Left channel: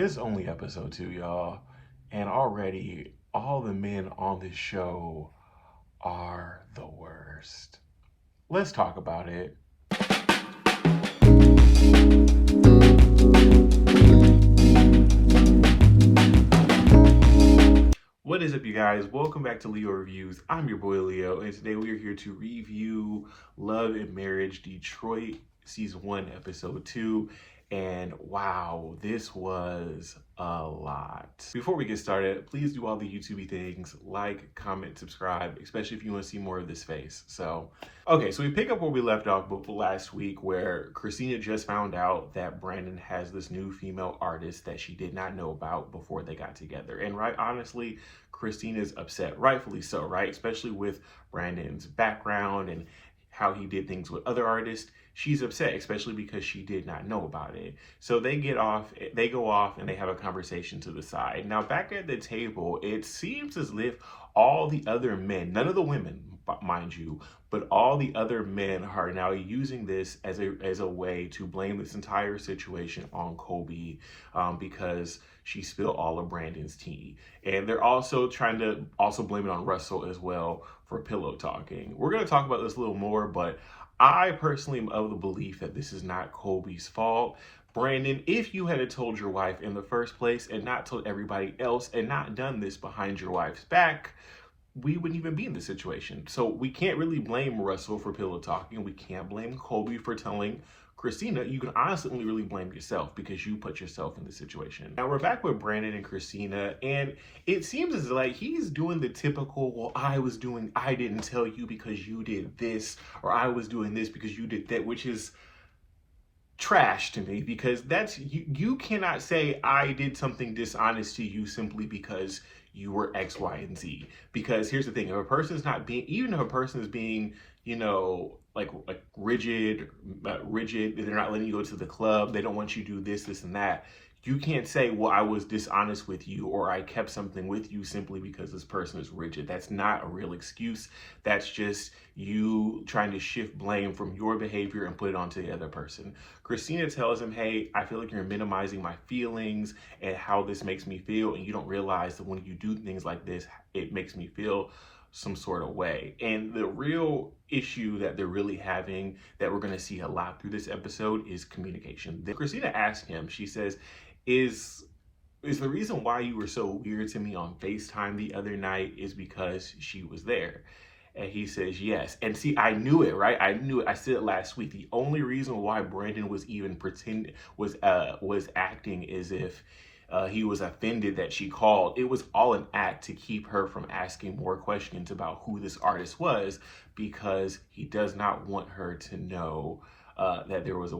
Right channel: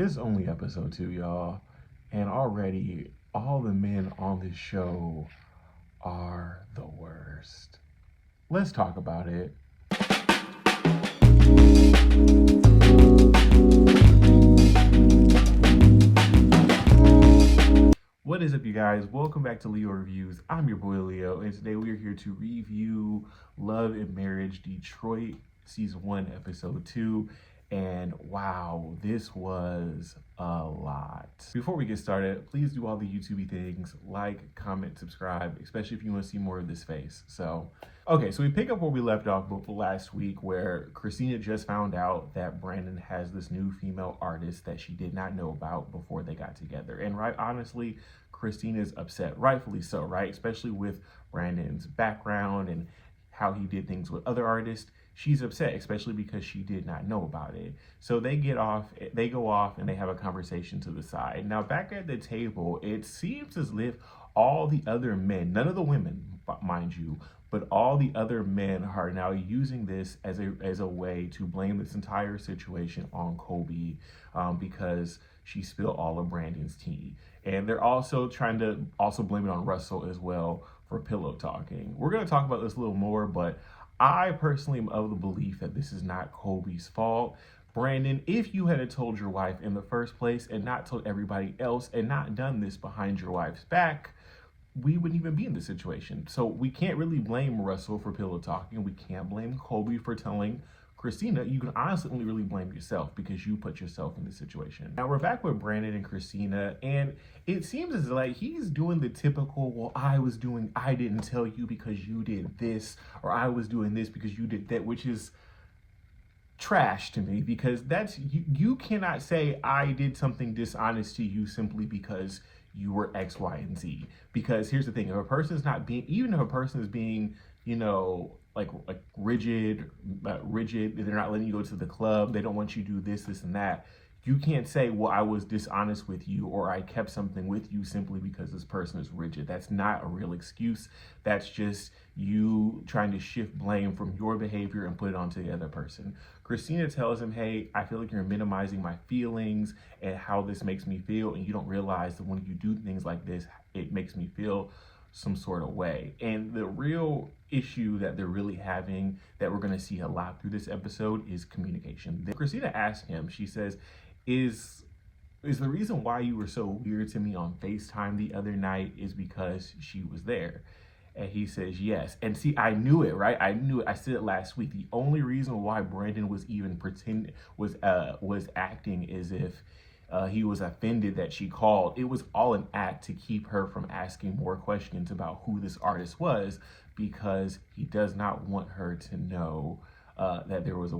It's only episode 2, y'all, and already all the men on this show are the worst. Let's talk about it. What is up, you guys? Welcome back to Leo Reviews. I'm your boy Leo, and today we are here to review Love and Marriage Detroit Season 1, Episode 2. And wow, this was a lot. Before we get started, please do all the YouTubey things, like, comment, subscribe, especially if you want to see more of this face. Okay, so we pick up where we left off last week, where Christina just found out that Brandon has this new female artist that she did not know about before they got together. And honestly, Christina's upset, rightfully so, right? Especially with Brandon's background and how he did things with other artists. She's upset, especially because she did not know about it. So they go off and they have a conversation to the side. Now, back at the table, it seems as if all the other men, none of the women, mind you, but all the other men are now using this as a way to blame this entire situation on Colby, because she spilled all of Brandon's tea. And they're also trying to blame it on Russell as well for pillow talking. We're going to talk about this a little more, but I personally am of the belief that this is not Colby's fault. Brandon, if you had told your wife in the first place and not told everybody else and not done this behind your wife's back, we wouldn't even be in this situation. So we can't really blame Russell for pillow talking. We can't blame Colby for telling Christina. You can honestly only really blame yourself because you put yourself in the situation. Now we're back with Brandon and Christina, and it seems as like he's doing the typical, well, I didn't tell you because you did this, or I was doing this because you did that, which is trash to me, because that's you cannot say I did something dishonest to you simply because you were X, Y, and Z. Because here's the thing, if a person's not being, even if a person is being, like rigid, they're not letting you go to the club, they don't want you to do this and that, you can't say, well, I was dishonest with you, or I kept something with you simply because this person is rigid. That's not a real excuse. That's just you trying to shift blame from your behavior and put it onto the other person. Christina tells him, hey, I feel like you're minimizing my feelings and how this makes me feel, and you don't realize that when you do things like this, it makes me feel some sort of way. And the real issue that they're really having, that we're going to see a lot through this episode, is communication. Christina asked him, she says, is the reason why you were so weird to me on FaceTime the other night is because she was there? And he says yes. And see, I knew it, right? I knew it. I said it last week. The only reason why Brandon was even was acting as if he was offended that she called, it was all an act to keep her from asking more questions about who this artist was, because he does not want her to know that there was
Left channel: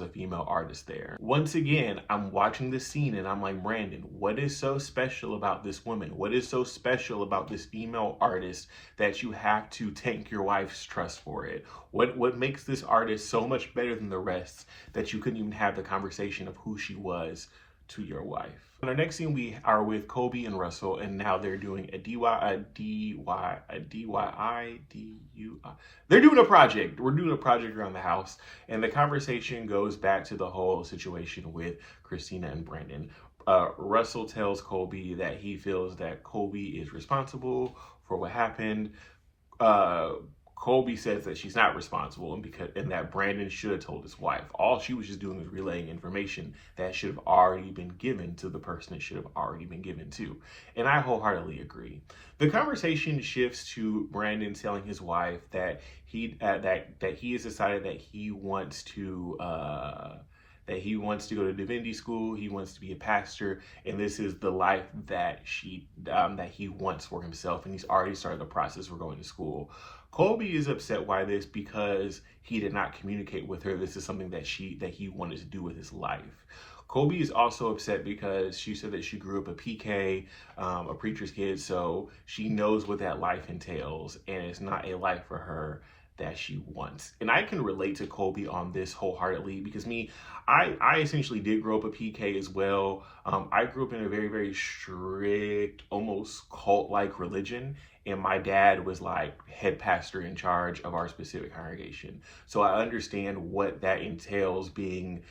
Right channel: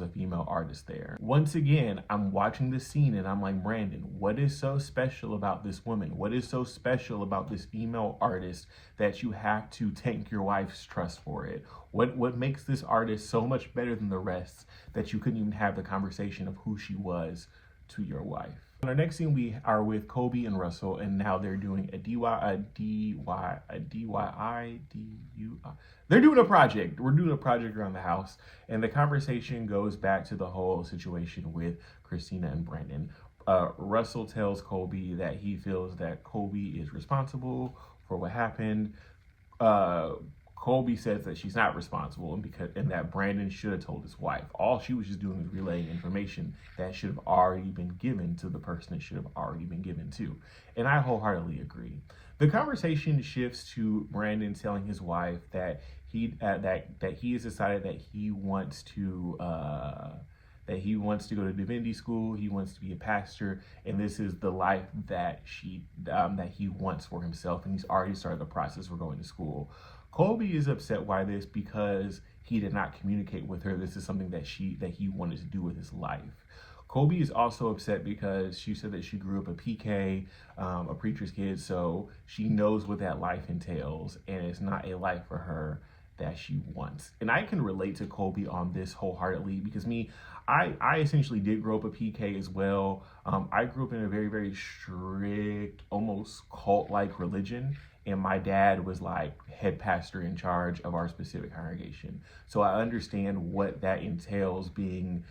a female artist there. Once again, I'm watching this scene and I'm like, Brandon, what is so special about this woman? What is so special about this female artist that you have to tank your wife's trust for it? What makes this artist so much better than the rest that you couldn't even have the conversation of who she was to your wife? In our next scene, we are with Colby and Russell, and now they're doing they're doing a project. We're doing a project around the house, and the conversation goes back to the whole situation with Christina and Brandon. Russell tells Colby that he feels that Colby is responsible for what happened. Colby says that she's not responsible, and that Brandon should have told his wife. All she was just doing was relaying information that should have already been given to the person it should have already been given to. And I wholeheartedly agree. The conversation shifts to Brandon telling his wife that he has decided that he wants to go to divinity school. He wants to be a pastor, and this is the life that he wants for himself. And he's already started the process for going to school. Colby is upset by this because he did not communicate with her. This is something that he wanted to do with his life. Colby is also upset because she said that she grew up a PK, a preacher's kid, so she knows what that life entails, and it's not a life for her that she wants. And I can relate to Colby on this wholeheartedly, because I essentially did grow up a PK as well. I grew up in a very, very strict, almost cult-like religion, and my dad was like head pastor in charge of our specific congregation. So I understand what that entails, being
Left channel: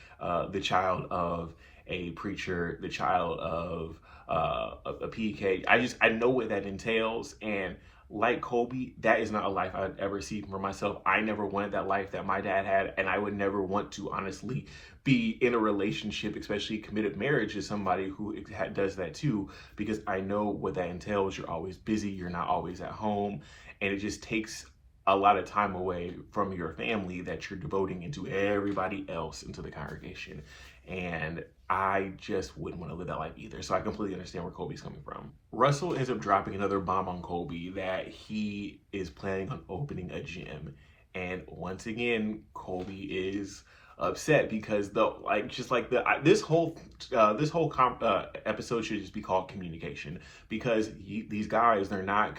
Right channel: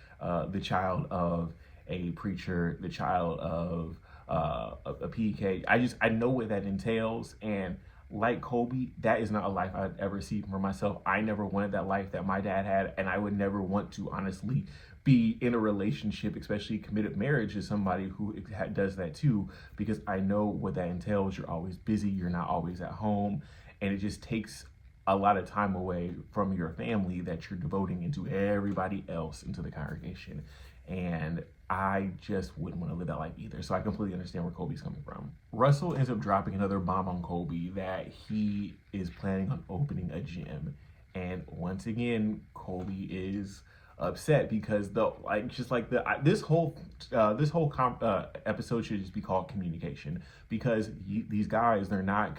the child of a preacher, the child of a PK. I know what that entails, and like Colby, that is not a life I'd ever see for myself. I never wanted that life that my dad had, and I would never want to honestly be in a relationship, especially committed marriage, with somebody who does that too, because I know what that entails. You're always busy, you're not always at home, and it just takes a lot of time away from your family that you're devoting into everybody else into the congregation. And I just wouldn't want to live that life either. So I completely understand where Colby's coming from. Russell ends up dropping another bomb on Colby that he is planning on opening a gym. And once again, Colby is upset because this whole episode should just be called communication, because these guys, they're not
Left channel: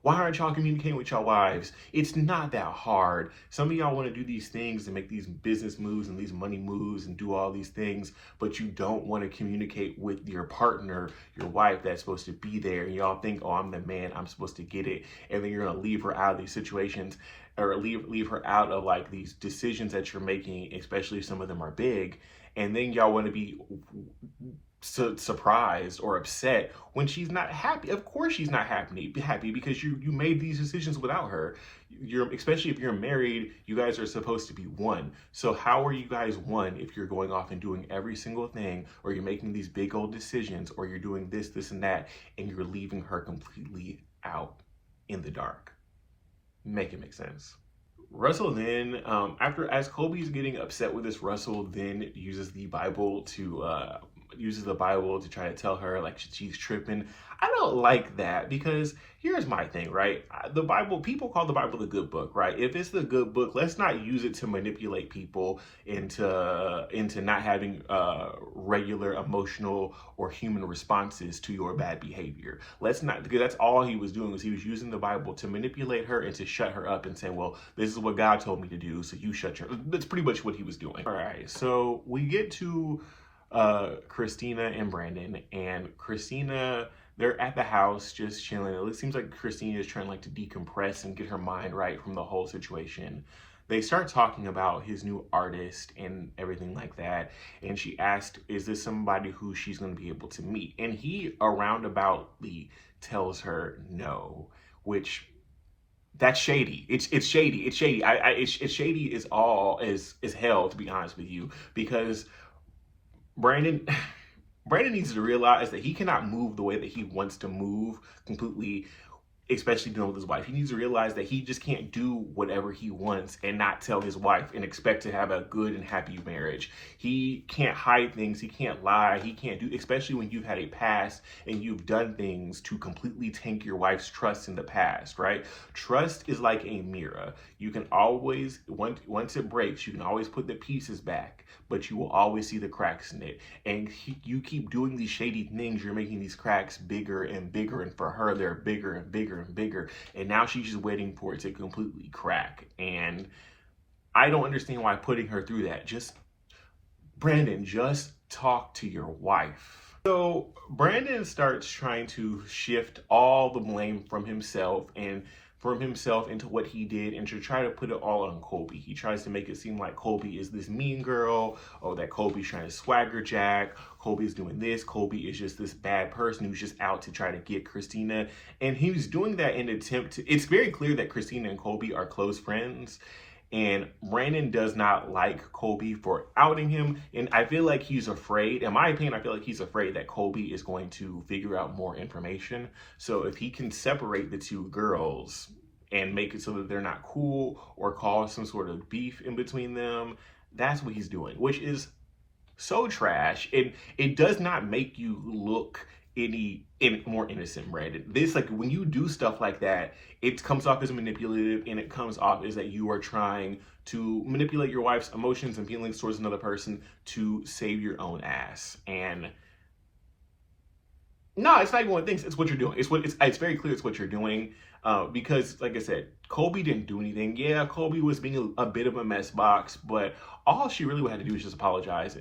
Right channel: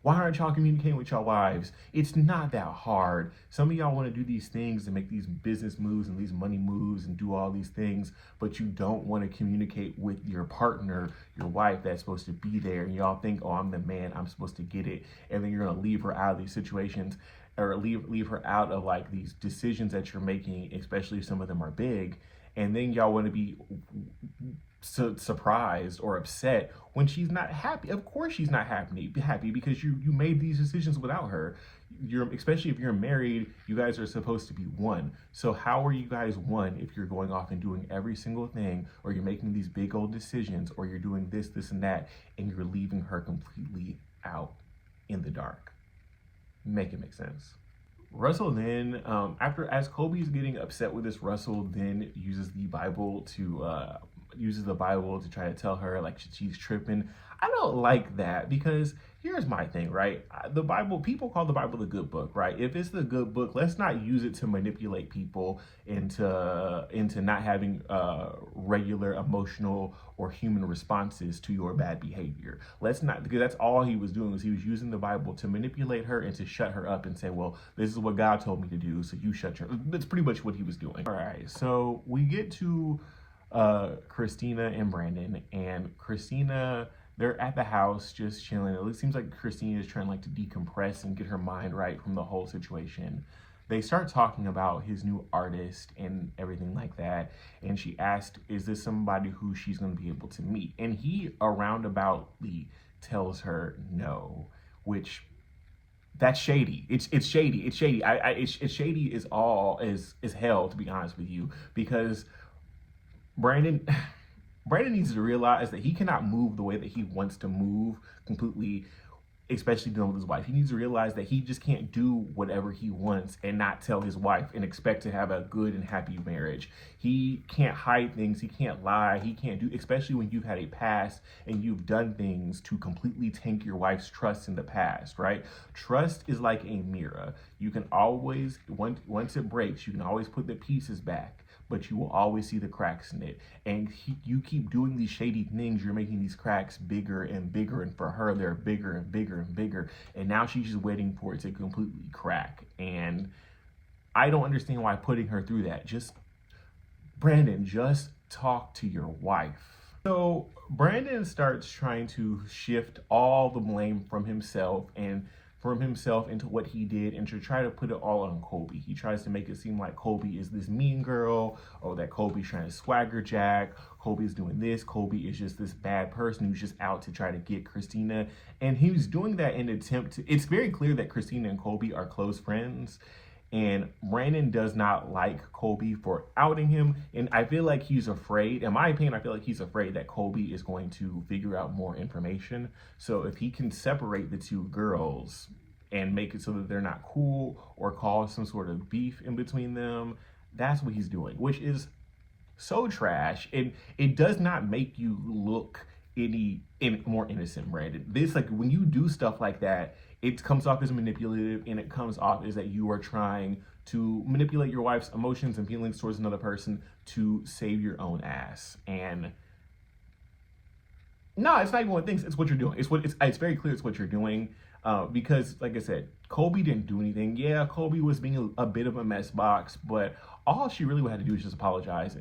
why aren't y'all communicating with your wives? It's not that hard. Some of y'all want to do these things and make these business moves and these money moves and do all these things, but you don't want to communicate with your partner, your wife that's supposed to be there, and y'all think, oh, I'm the man, I'm supposed to get it, and then you're gonna leave her out of these situations, or leave her out of like these decisions that you're making, especially if some of them are big, and then y'all want to be surprised or upset when she's not happy. Of course she's not happy because you made these decisions without her. Especially if you're married, you guys are supposed to be one. So how are you guys one if you're going off and doing every single thing, or you're making these big old decisions, or you're doing this and that, and you're leaving her completely out in the dark? Make it make sense. Russell then, as Colby's getting upset with this, Russell then uses the Bible to try to tell her like she's tripping. I don't like that, because here's my thing, right? The Bible, people call the Bible the good book, right? If it's the good book, let's not use it to manipulate people into not having regular emotional or human responses to your bad behavior. Let's not, because that's all he was doing, was he was using the Bible to manipulate her and to shut her up and say, well, this is what God told me to do, so you shut your. That's pretty much what he was doing. All right, so we get to Christina and Brandon, and Christina, they're at the house just chilling. It seems like Christina is trying to decompress and get her mind right from the whole situation. They start talking about his new artist and everything like that, and she asked, is this somebody who she's going to be able to meet? And he roundaboutly tells her no, which, that's shady. It's shady. It's shady. It's shady as hell, to be honest with you, because Brandon needs to realize that he cannot move the way that he wants to move completely, especially dealing with his wife. He needs to realize that he just can't do whatever he wants and not tell his wife and expect to have a good and happy marriage. He can't hide things. He can't lie. He can't do, especially when you've had a past and you've done things to completely tank your wife's trust in the past, right? Trust is like a mirror. You can always, once it breaks, you can always put the pieces back, but you will always see the cracks in it. And you keep doing these shady things, you're making these cracks bigger and bigger, and for her, they're bigger and bigger and bigger. And now she's just waiting for it to completely crack. And I don't understand why putting her through that. Brandon, just talk to your wife. So Brandon starts trying to shift all the blame from himself into what he did, and to try to put it all on Colby. He tries to make it seem like Colby is this mean girl, or that Colby's trying to swagger Jack, Colby's doing this, Colby is just this bad person who's just out to try to get Christina. And he was doing that in an attempt to, it's very clear that Christina and Colby are close friends, and Brandon does not like Colby for outing him. And I feel like he's afraid, in my opinion, I feel like he's afraid that Colby is going to figure out more information. So if he can separate the two girls and make it so that they're not cool or cause some sort of beef in between them, that's what he's doing, which is so trash. And it does not make you look any more innocent, Brandon. This, like, when you do stuff like that, it comes off as manipulative, and it comes off as that you are trying to manipulate your wife's emotions and feelings towards another person to save your own ass. And no, it's not even one thing. It's what you're doing. It's very clear it's what you're doing. Because, like I said, Colby didn't do anything. Yeah, Colby was being a bit of a mess box, but all she really had to do is just apologize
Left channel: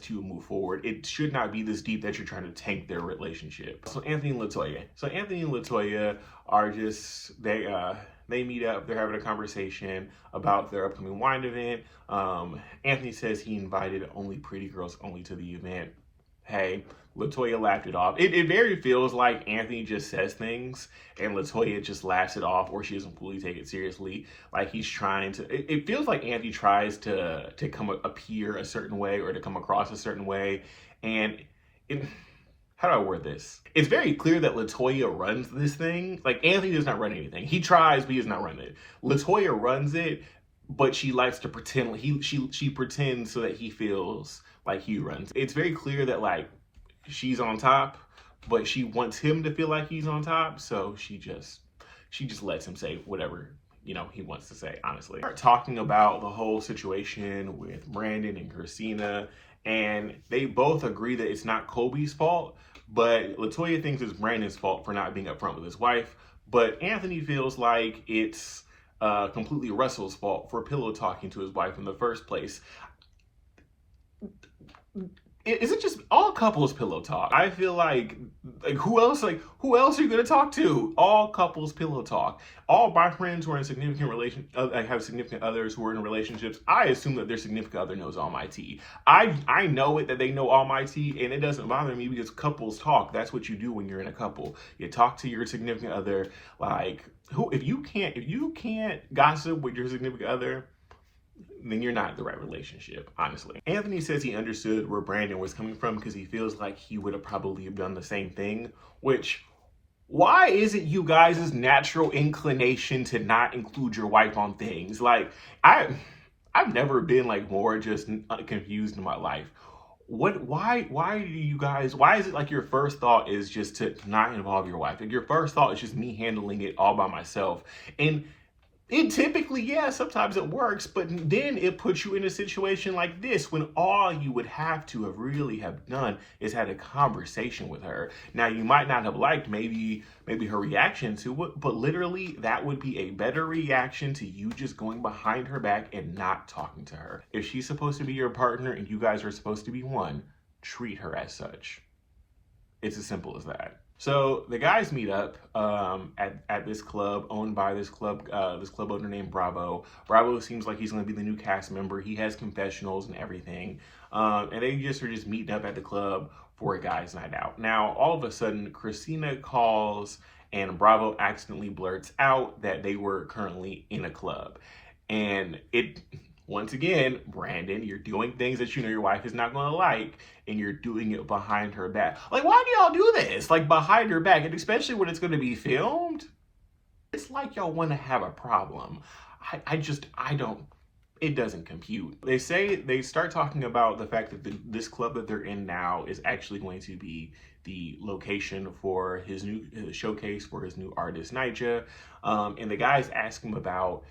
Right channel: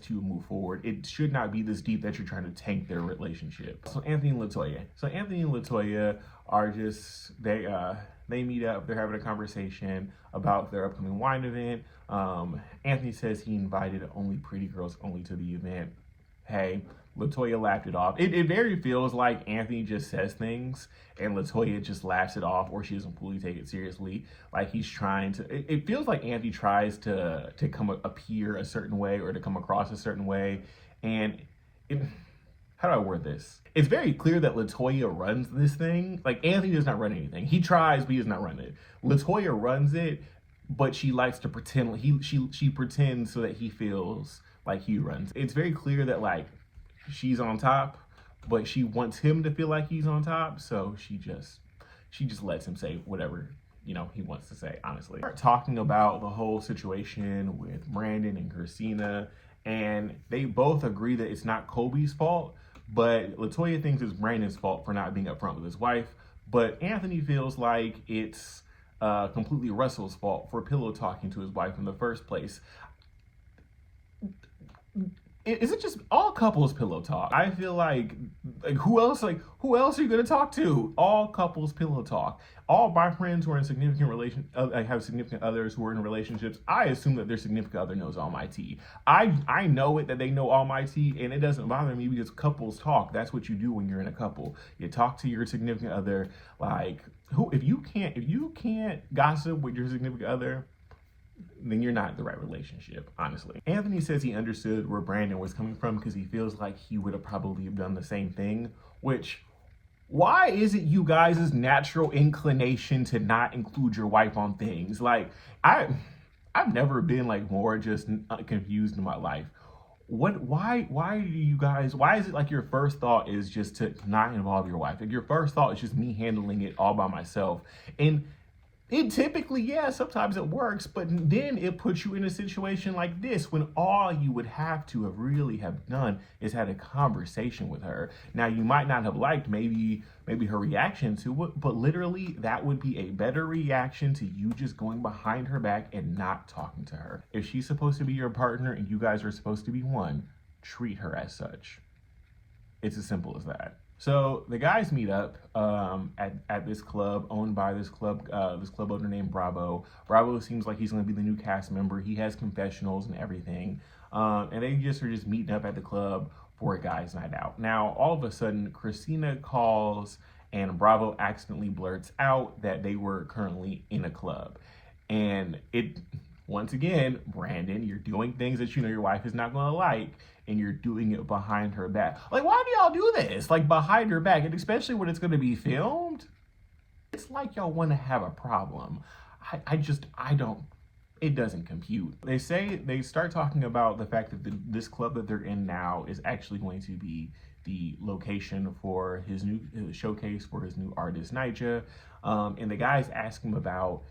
to move forward. It should not be this deep that you're trying to tank their relationship. So Anthony and Latoya are just, They meet up, they're having a conversation about their upcoming wine event. Anthony says he invited only pretty girls only to the event. Hey, Latoya laughed it off. It very feels like Anthony just says things and Latoya just laughs it off, or she doesn't fully take it seriously. Like he's trying to. It feels like Anthony tries to appear a certain way or to come across a certain way, and it, how do I word this? It's very clear that Latoya runs this thing. Like Anthony does not run anything. He tries, but he does not run it. Latoya runs it, but she likes to pretend. She pretends so that he feels like he runs. It's very clear that like she's on top, but she wants him to feel like he's on top. So she just lets him say whatever he wants to say. Honestly, we're talking about the whole situation with Brandon and Christina, and they both agree that it's not Colby's fault, but Latoya thinks it's Brandon's fault for not being upfront with his wife. But Anthony feels like it's completely Russell's fault for pillow talking to his wife in the first place. Is it just all couples pillow talk? I feel like who else are you gonna talk to? All couples pillow talk. All my friends who are in significant have significant others who are in relationships. I assume that their significant other knows all my tea. I know it that they know all my tea, and it doesn't bother me because couples talk. That's what you do when you're in a couple. You talk to your significant other. Like if you can't gossip with your significant other, then you're not in the right relationship, honestly. Anthony says he understood where Brandon was coming from because he feels like he would have probably done the same thing, which, why is it you guys' natural inclination to not include your wife on things? Like, I've never been like more just confused in my life. Why is it like your first thought is just to not involve your wife? Like your first thought is just me handling it all by myself. And it typically, yeah, sometimes it works, but then it puts you in a situation like this when all you would have to really have done is had a conversation with her. Now, you might not have liked maybe her reaction to it, but literally that would be a better reaction to you just going behind her back and not talking to her. If she's supposed to be your partner and you guys are supposed to be one, treat her as such. It's as simple as that. So the guys meet up at this club owned by this club owner named Bravo. Bravo seems like he's going to be the new cast member. He has confessionals and everything. And they are just meeting up at the club for a guys' night out. Now, all of a sudden, Christina calls and Bravo accidentally blurts out that they were currently in a club. And once again, Brandon, you're doing things that you know your wife is not going to like, and you're doing it behind her back. Like, why do y'all do this? Like, behind her back, and especially when it's going to be filmed? It's like y'all want to have a problem. It doesn't compute. They start talking about the fact that this club that they're in now is actually going to be the location for his new showcase for his new artist, Nyjah. And the guys ask him about,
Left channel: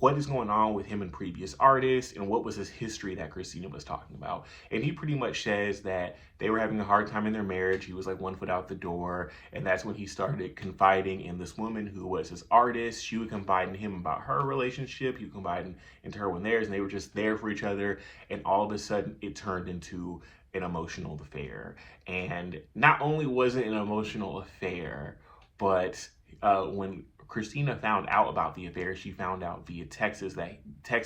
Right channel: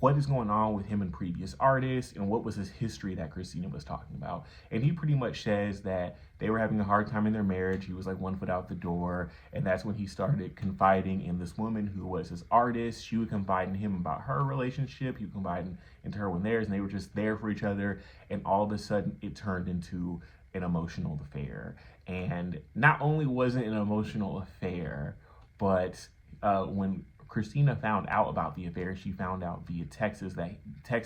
what is going on with him and previous artists and what was his history that Christina was talking about. And he pretty much says that they were having a hard time in their marriage. He was like 1 foot out the door. And that's when he started confiding in this woman who was his artist. She would confide in him about her relationship. He would confide into her when theirs, and they were just there for each other. And all of a sudden it turned into an emotional affair. And not only was it an emotional affair, but when Christina found out about the affair, she found out via text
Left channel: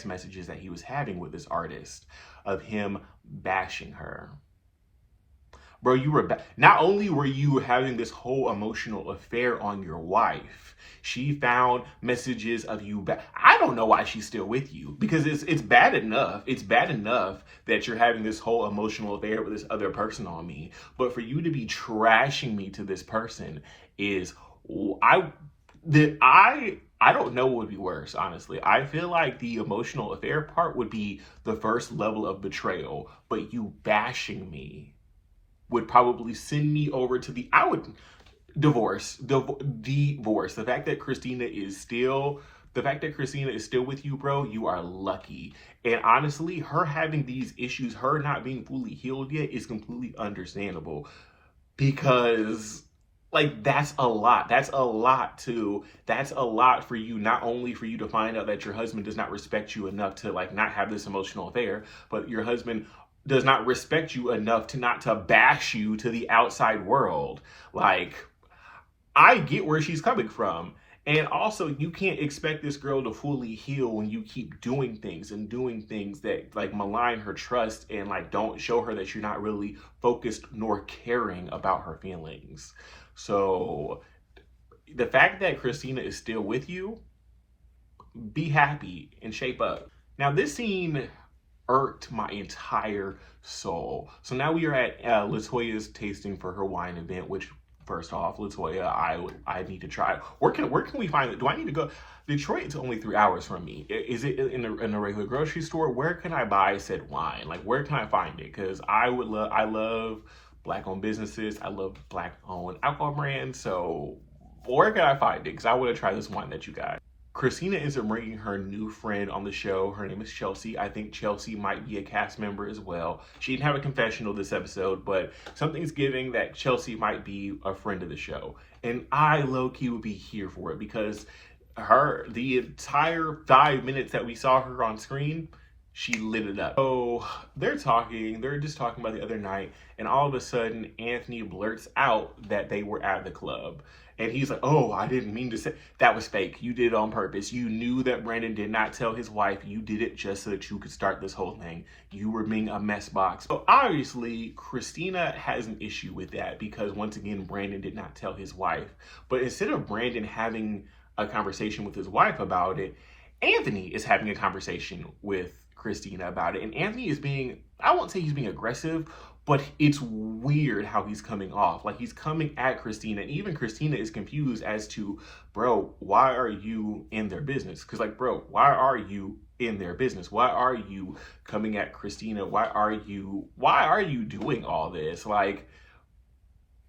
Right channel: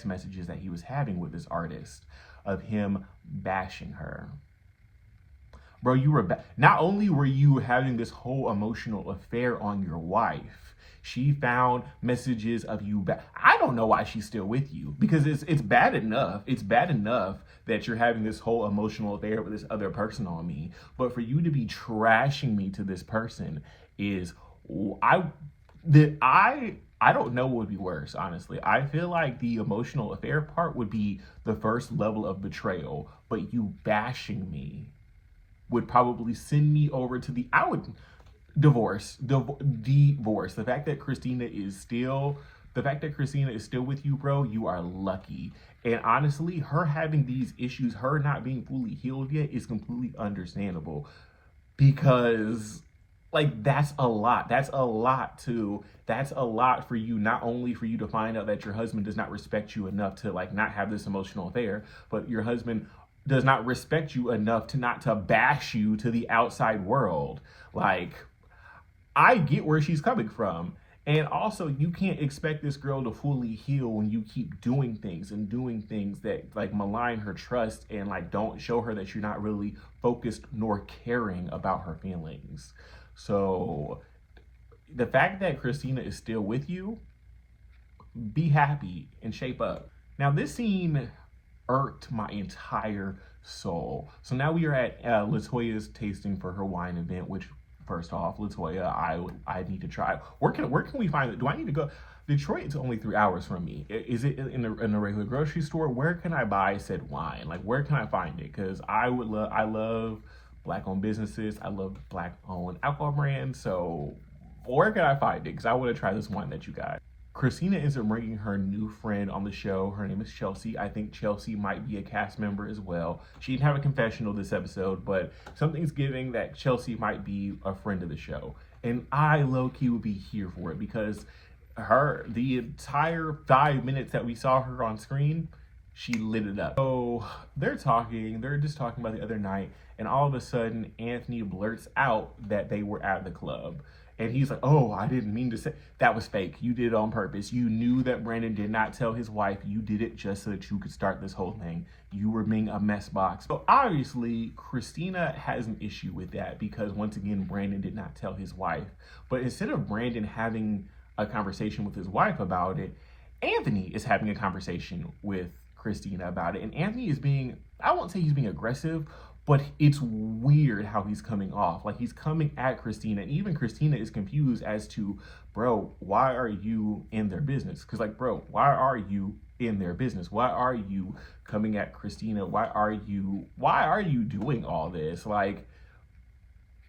messages that he was having with this artist of him bashing her. Bro, not only were you having this whole emotional affair on your wife, she found messages of you. I don't know why she's still with you, because it's bad enough. It's bad enough that you're having this whole emotional affair with this other person on me, but for you to be trashing me to this person is I don't know what would be worse, honestly. I feel like the emotional affair part would be the first level of betrayal, but you bashing me would probably send me over to divorce. The fact that Christina is still with you, bro, you are lucky. And honestly, her having these issues, her not being fully healed yet, is completely understandable, because like that's a lot for you, not only for you to find out that your husband does not respect you enough to like not have this emotional affair, but your husband does not respect you enough to not to bash you to the outside world. Like, I get where she's coming from. And also, you can't expect this girl to fully heal when you keep doing things and doing things that like malign her trust and like don't show her that you're not really focused nor caring about her feelings. So the fact that Christina is still with you, be happy and shape up. Now, this scene irked my entire soul. So now we are at Latoya's tasting for her wine event, which first off, Latoya, I need to try. Where can we find it? Do I need to go? Detroit is only 3 hours from me. Is it in a regular grocery store? Where can I buy said wine? Like, where can I find it? Because I love black-owned businesses. I love black-owned alcohol brands. So where can I find it? Because I want to try this wine that you got. Christina ends up bringing her new friend on the show. Her name is Chelsea. I think Chelsea might be a cast member as well. She didn't have a confessional this episode, but something's giving that Chelsea might be a friend of the show. And I low-key would be here for it because the entire 5 minutes that we saw her on screen, she lit it up. So they're just talking about the other night, and all of a sudden Anthony blurts out that they were at the club. And he's like, oh, I didn't mean to say that was fake. You did it on purpose. You knew that Brandon did not tell his wife. You did it just so that you could start this whole thing. You were being a mess box. So obviously, Christina has an issue with that because once again, Brandon did not tell his wife. But instead of Brandon having a conversation with his wife about it, Anthony is having a conversation with Christina about it. And Anthony is being, I won't say he's being aggressive, but it's weird how he's coming off. Like, he's coming at Christina, and even Christina is confused as to, bro, why are you in their business? Because, like, bro, why are you in their business? Why are you coming at Christina? Why are you doing all this? Like,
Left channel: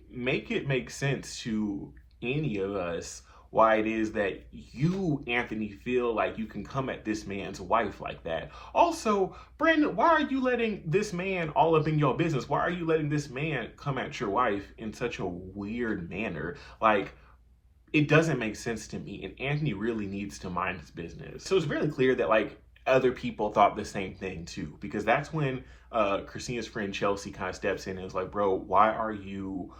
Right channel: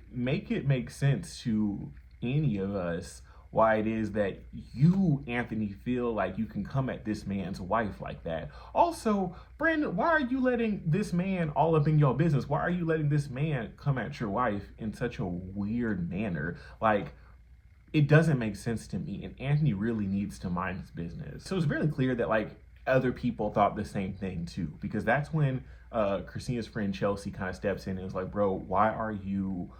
make it make sense to any of us why it is that you, Anthony, feel like you can come at this man's wife like that. Also, Brandon, why are you letting this man all up in your business? Why are you letting this man come at your wife in such a weird manner? Like, it doesn't make sense to me, and Anthony really needs to mind his business. So it's really clear that, like, other people thought the same thing too, because that's when Christina's friend Chelsea kind of steps in and is like, bro, why are you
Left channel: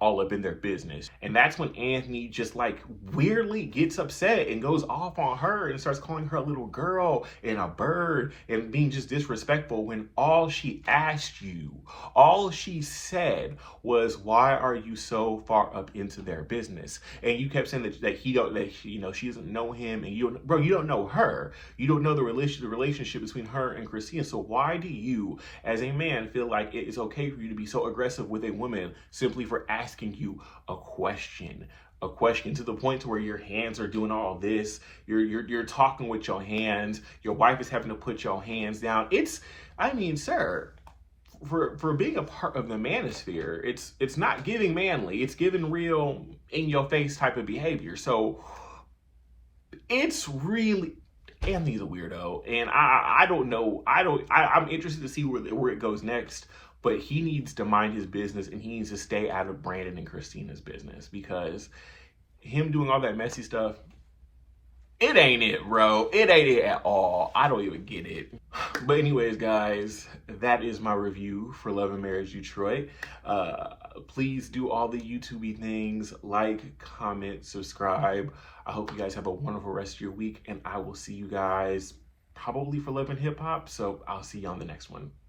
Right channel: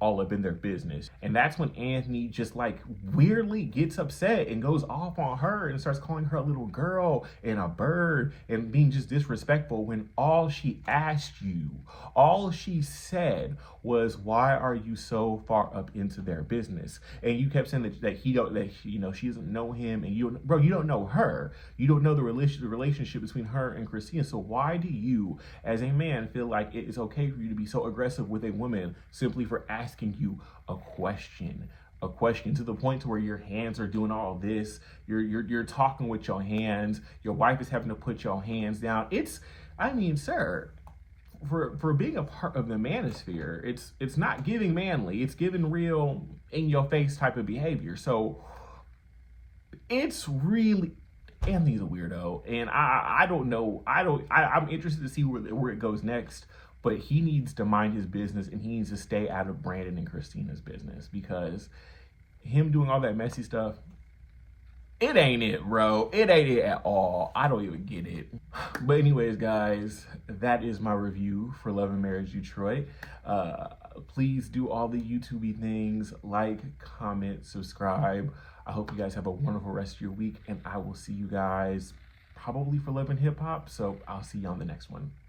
all up in their business? And that's when Anthony just like weirdly gets upset and goes off on her and starts calling her a little girl and a bird and being just disrespectful when all she asked you, all she said was, why are you so far up into their business? And you kept saying that she doesn't know him, and you don't know her. You don't know the relationship between her and Christina. So why do you, as a man, feel like it is okay for you to be so aggressive with a woman simply for asking you a question to the point to where your hands are doing all this, you're talking with your hands, your wife is having to put your hands down? Sir, for being a part of the manosphere, it's not giving manly, it's giving real in your face type of behavior. So it's really, Anthony's a weirdo, and I don't know. I'm interested to see where it goes next. But he needs to mind his business, and he needs to stay out of Brandon and Christina's business, because him doing all that messy stuff, it ain't it, bro. It ain't it at all. I don't even get it. But anyways, guys, that is my review for Love and Marriage Detroit. Please do all the YouTube-y things. Like, comment, subscribe. I hope you guys have a wonderful rest of your week, and I will see you guys probably for Love and Hip Hop. So I'll see you on the next one.